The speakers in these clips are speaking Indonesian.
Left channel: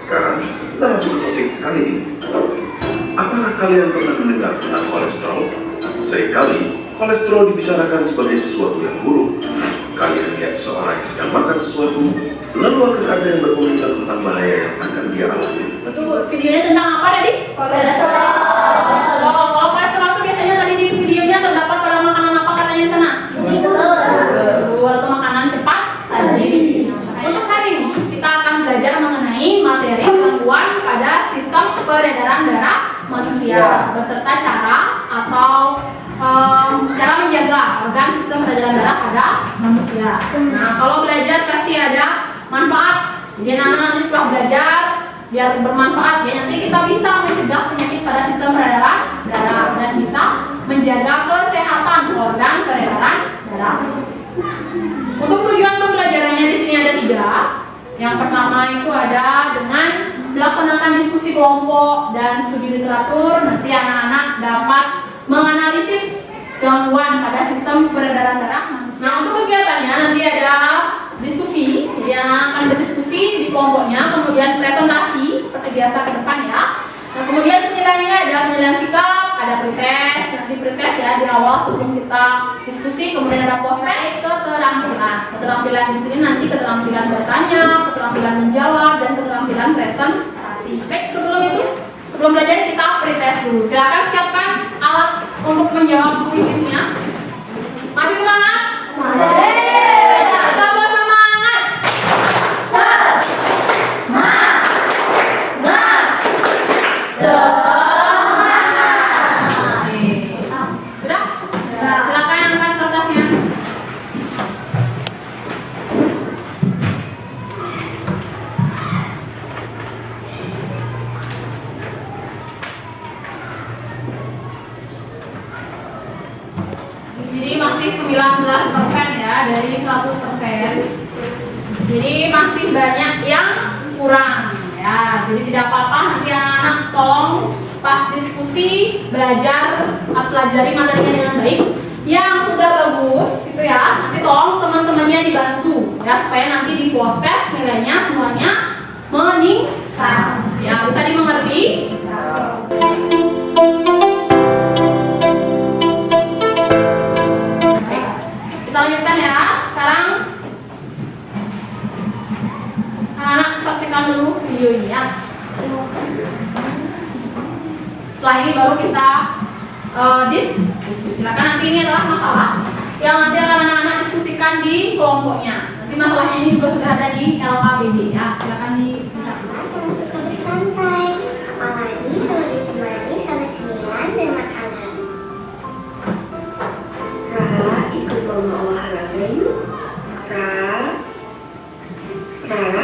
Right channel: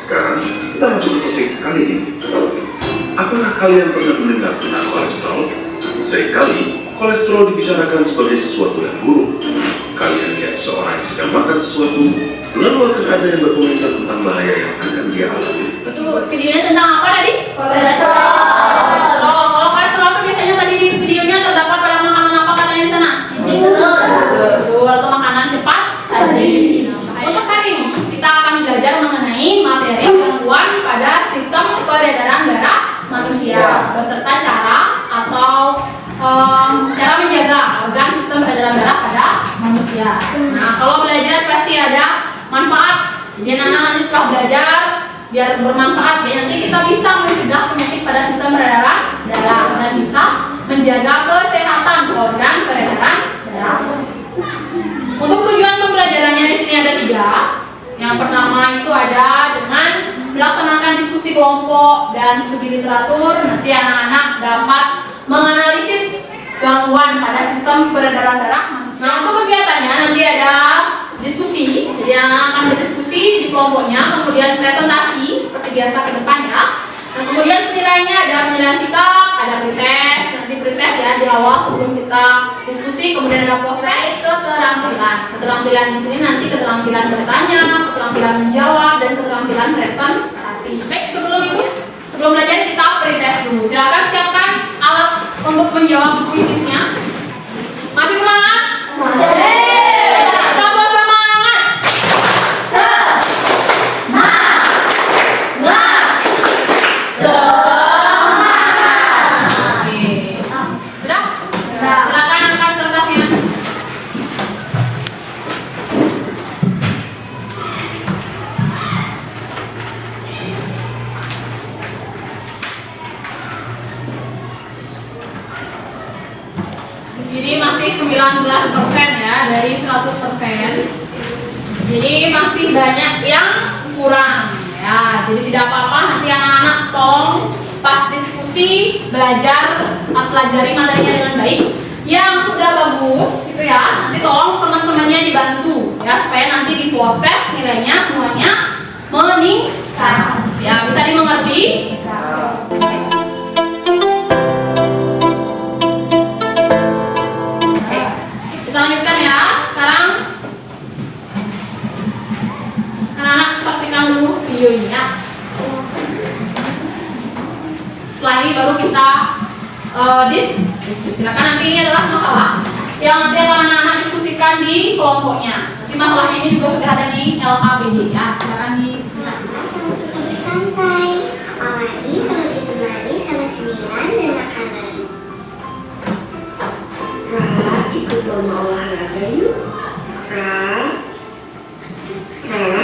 Sekarang kita masuk ke topik kali ini. Apakah kalian pernah mendengar tentang kolesterol? Seringkali kolesterol dibicarakan sebagai sesuatu yang buruk. Kalian lihat seseorang yang sedang makan sesuatu, lalu akan ada yang berkomentar tentang bahaya yang akan dia alami. Betul, videonya tentang apa tadi? Kolesterol. Kalau kolesterol itu biasanya tadi di videonya terdapat pada makanan apa katanya di sana? Betul, atau makanan cepat saji. Untuk hari ini kita akan belajar mengenai materi gangguan pada sistem peredaran darah manusia beserta cara atau cara menjaga organ sistem peredaran darah pada manusia. Nah, kalau belajar pasti ada manfaat. Jadi anak-anak nanti setelah belajar biar bermanfaat ya, nanti kita bisa mencegah penyakit pada sistem peredaran darah dan bisa menjaga kesehatan organ peredaran darah. Untuk tujuan pembelajarannya di sini ada 3. Yang pertama itu ada dengan melaksanakan diskusi kelompok dan studi literatur. Nanti anak-anak dapat menganalisis gangguan pada sistem peredaran darah manusia. Nah, untuk kegiatannya nanti ada diskusi, jadi akan berdiskusi di kelompoknya, kemudian presentasi seperti biasa ke depannya. Dan kemudian penilaiannya ada penilaian sikap, ada pretest, nanti pretest ya di awal sebelum kita diskusi, kemudian ada post-test, keterampilan. Keterampilan di sini nanti keterampilan bertanya, keterampilan menjawab, dan keterampilan presentasi. Baik, sebelum belajar kita pretest dulu. Silakan siapkan alat untuk menjawab kuisnya. Masih semangat? Tambah semangat. Sudah? Silakan angkat kertasnya. Jadi masih 19% ya dari 100%. Jadi masih banyak yang kurang ya. Jadi tidak apa-apa, nanti anak-anak tolong pas diskusi belajar pelajari materinya dengan baik. Yang sudah bagus itu ya, nanti tolong teman-temannya dibantu ya supaya nanti di post test nilainya semuanya meningkat. Ya, bisa dimengerti? Kita lanjutkan ya. Sekarang anak-anak saksikan dulu videonya. Setelah ini baru kita diskusi. Silakan, nanti ini adalah masalah yang nanti akan anak-anak diskusikan di kelompoknya. Nanti masalahnya ini juga sudah ada di LKPD ya. Silakan di santai, apalagi kalau ditemani sama cemilan dan makanan. Rara, ikut mama olahraga yuk. Rara,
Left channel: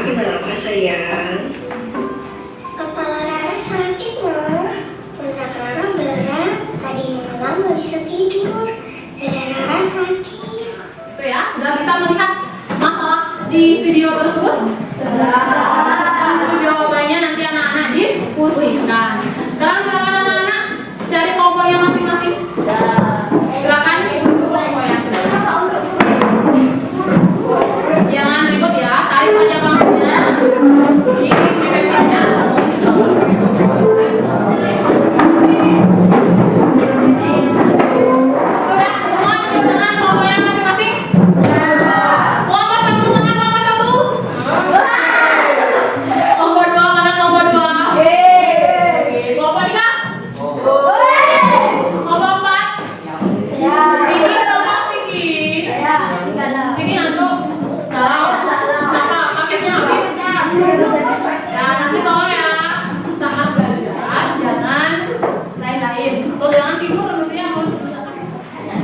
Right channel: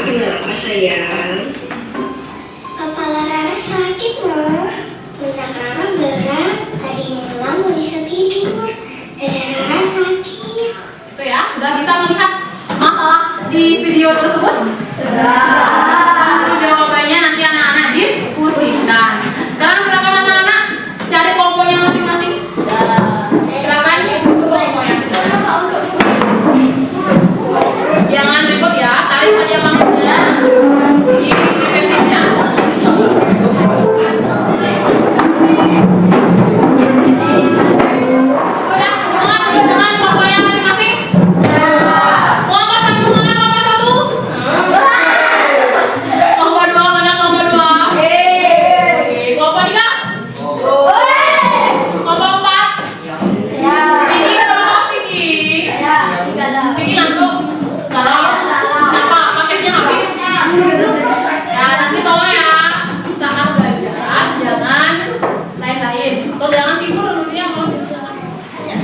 kenapa sayang? Kepala Rara sakit, Mama. Pundak Rara berat. Tadi malam nggak bisa tidur. Dada Rara sakit. itu ya, sudah bisa melihat masalah di video tersebut? Sudah. Jawabannya nanti anak-anak diskusikan. Sekarang silakan anak-anak cari kelompoknya masing-masing. Silakan ikut ke kelompoknya. Jangan ribut ya, tarik saja bangunnya. Ini pipetnya. Sudah semua dengan kelompoknya masing-masing? Kelompok 1 mana kelompok 1? Kelompok 2 mana kelompok 2? Kelompok 3? Kelompok 4? Vicky kelompok Vicky. Vicky ngantuk? Kenapa? Paketnya habis? Ya, nanti tolong ya, saat belajar jangan lain-lain atau jangan tidur tentunya mau tidur.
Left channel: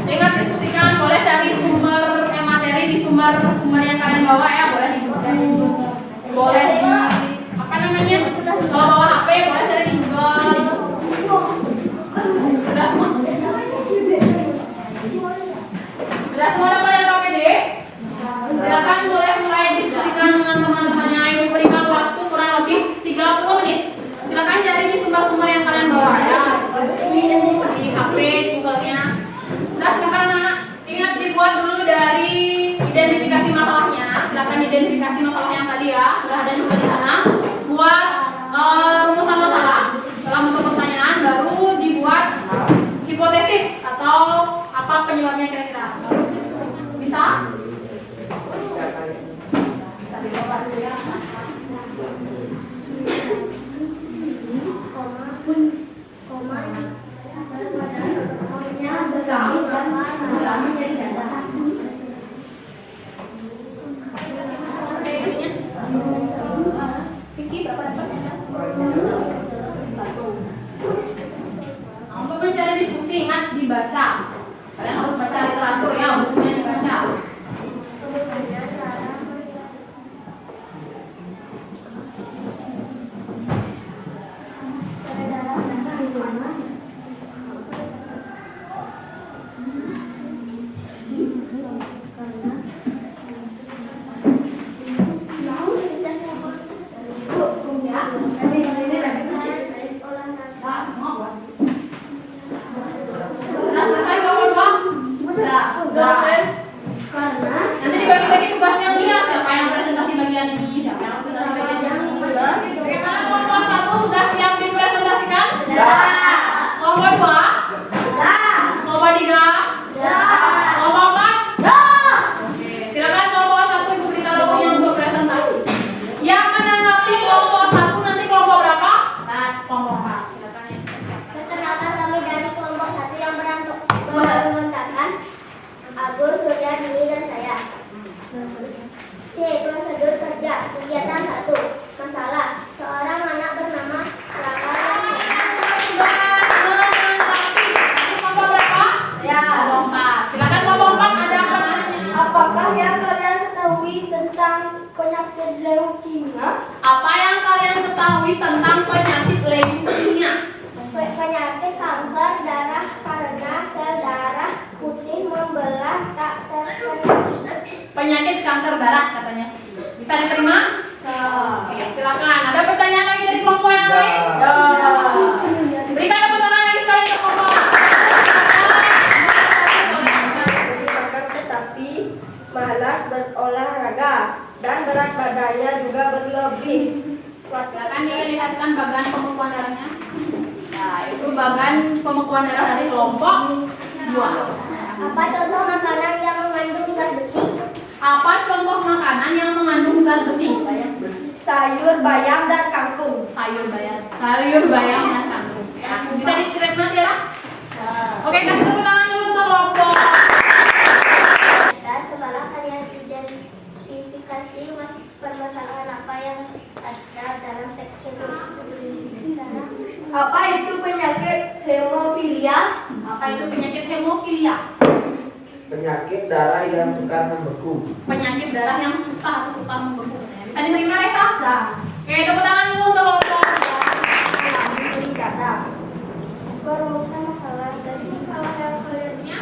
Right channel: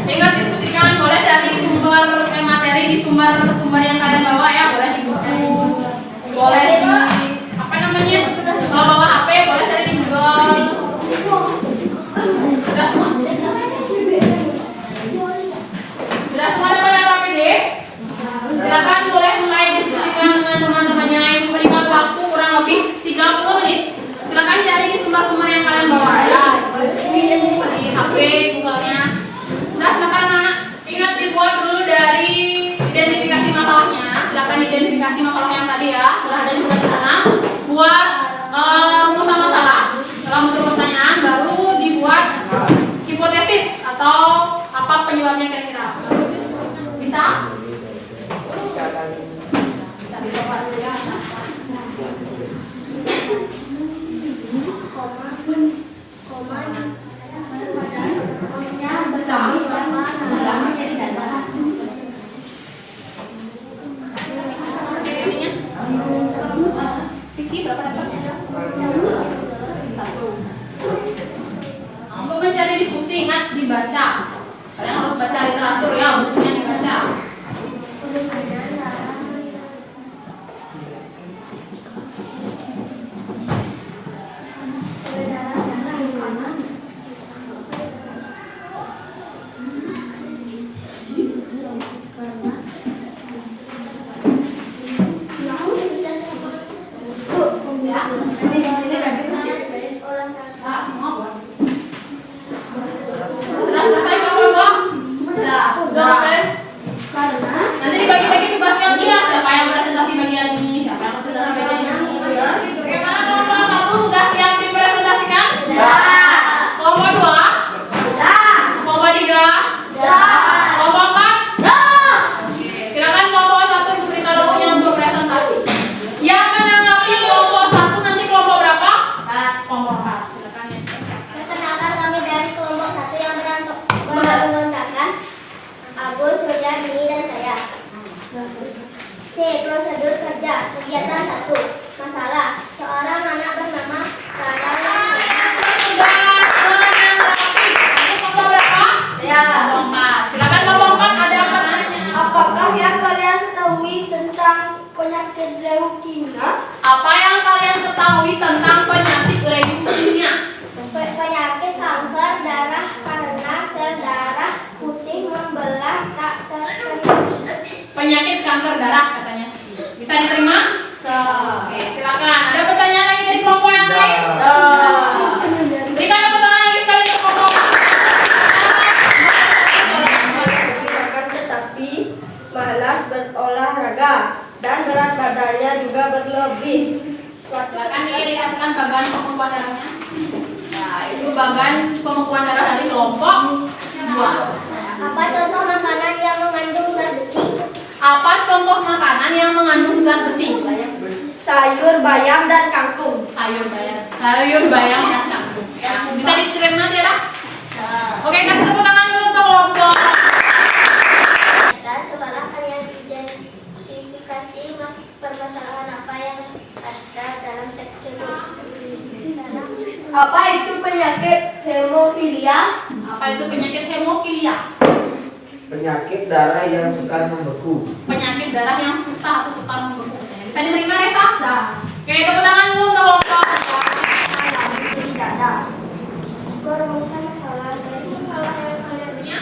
Ingat, diskusikan, boleh cari sumber materi di sumber yang kalian bawa ya, boleh di Google, boleh di apa namanya, kalau bawa HP boleh cari di Google. Sudah semua? Sudah semua dapat LKPD? Silakan boleh mulai diskusikan dengan teman-temannya yang memberikan waktu kurang lebih 30 menit. Silakan cari di sumber-sumber yang kalian bawa ya, di HP, Google-nya. Nah, silakan anak-anak, ingat dibuat dulu dari identifikasi masalahnya. Silakan identifikasi masalah yang tadi ya, sudah ada juga di sana. Satu. Nah, untuk mencari diskusi ingat dibaca. Kalian harus baca literatur ya, bukunya dibaca. Nanti dibagi-bagi tugasnya dia, siapa yang presentasi bagian ini, siapa yang presentasi bagian ini. Bagaimana kelompok 1 sudah siap dipresentasikan? Sudah. Kelompok 2? Sudah. Kelompok 3? Sudah. Kelompok 4? Sudah. Oke, silakan kelompok 1 Ibu beritahu yang untuk presentasi. Yang menanggapi kelompok 1 nanti kelompok berapa? Kelompok 4. Silakan ya. Perkenalkan kami dari kelompok 1 yang beranggotakan Agus, Suryadini, dan saya. C. Prosedur kerja. Kegiatan 1. Masalah. Seorang anak bernama Raka yang Sudah menanggapi. Nanti kelompok berapa? Ya. Kelompok 4. Silakan kelompok 4 ada pertanyaan. Apakah yang kalian ketahui tentang penyakit leukemia? Apa yang kalian ketahui tentang penyakit leukemia? Penyakit kanker darah karena sel darah putih membelah tak terkendali. Penyakit kanker darah katanya. Bisa diterima? Oke, silakan. Ada pertanyaan lagi dari kelompok yang lain? Berikan pertanyaan lagi sekali untuk kelompok. Tetapi malas berolahraga dan berat badannya juga berlebih. Silakan dilihatkan bagian pembekuan darahnya. Nah, itu bagian pembekuan darah dari kelompok 2. Apa contoh makanan yang mengandung zat besi? Apa contoh makanan yang mengandung zat besi? Sayur bayam dan kangkung. Sayur bayam dan kangkung. Ya, bisa diterima tidak? Oke, kasih tepuk tangan dulu untuk kelompok. Dan sekarang kalian identifikasi permasalahan apa yang ada dalam teks Apa itu penyakit hemofilia? Apa itu penyakit hemofilia? Penyakit darah yang suka membeku. Penyakit darah yang susah atau suka membeku. Bisa diterima, Reza? Bisa. Oke, tepuk tangan dulu untuk kelompok. Merumuskan masalah dari masalah yang kalian Ya.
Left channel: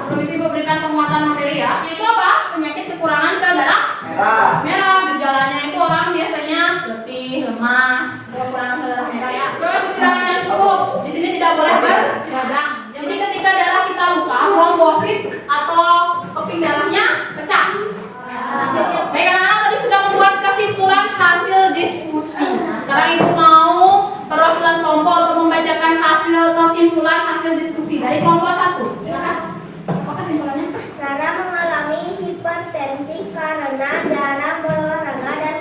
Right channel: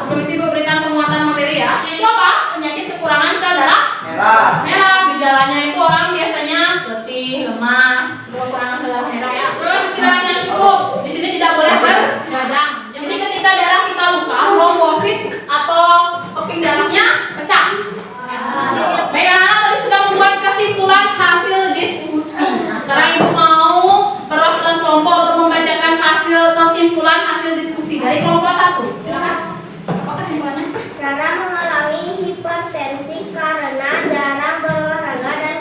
Sebelum isi gue berikan penguatan materi ya. Itu apa? Penyakit kekurangan sel darah merah. Gejalanya itu orang biasanya letih, lemas, kekurangan sel darah merah ya. Terus istirahatnya cukup. Di sini tidak boleh bergadang. Jadi ketika darah kita luka, trombosit atau keping darahnya pecah. Baik, anak-anak tadi sudah membuat kesimpulan hasil diskusi. Nah, sekarang ibu mau perwakilan kelompok untuk membacakan hasil kesimpulan hasil diskusi dari kelompok 1. Silakan. Apa kesimpulannya? Rara mengalami hipertensi karena jarang berolahraga dan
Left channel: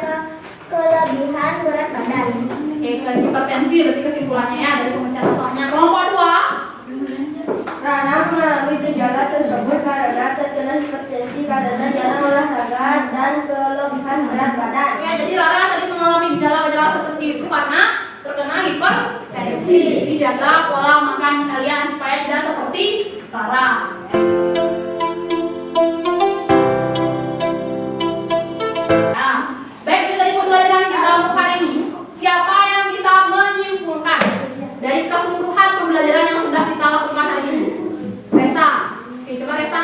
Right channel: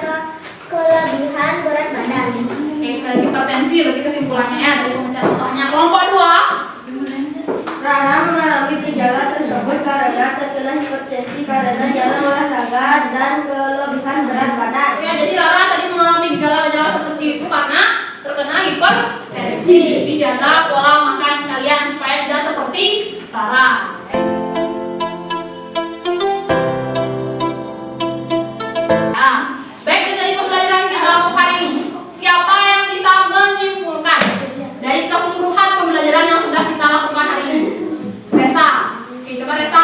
kelebihan berat badan. Oke, ke hipertensi berarti kesimpulannya ya dari pembicaraan masalahnya. Kelompok 2. Rana mengalami gejala tersebut karena terkena hipertensi karena jarang olahraga dan kelebihan berat badan. Ya, jadi Rara tadi mengalami gejala-gejala seperti itu karena terkena hipertensi. Dijaga pola makan kalian supaya tidak seperti Rara. Nah, baik itu dari pembelajaran kita untuk hari ini. Siapa yang bisa menyimpulkan dari keseluruhan pembelajaran yang sudah kita lakukan hari ini? Resa. Oke, coba Resa.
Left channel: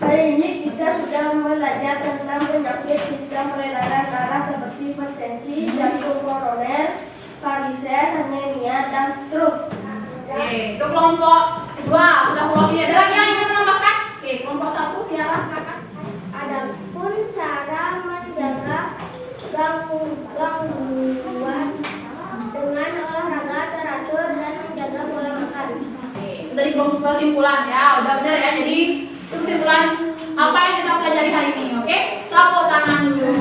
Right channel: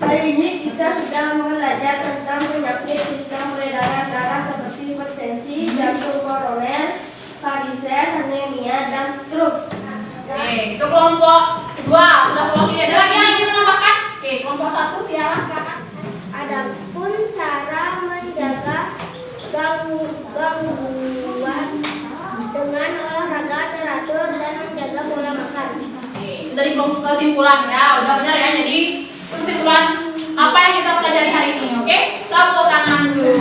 Hari ini kita sudah belajar tentang penyakit sistem peredaran darah seperti hipertensi, jantung koroner, varises, anemia, dan stroke. Oke, itu kelompok 2 sudah mewakili. Ada lagi yang ingin menambahkan? Oke, kelompok 1 Tiara silakan. Adapun cara menjaga gangguan dengan olahraga teratur dan menjaga pola makan. Oke, itu dari kesimpulan ya. Udah benar ya. Jadi kesimpulan apa yang kita pelajari hari ini, oke? Tepuk tangan dulu.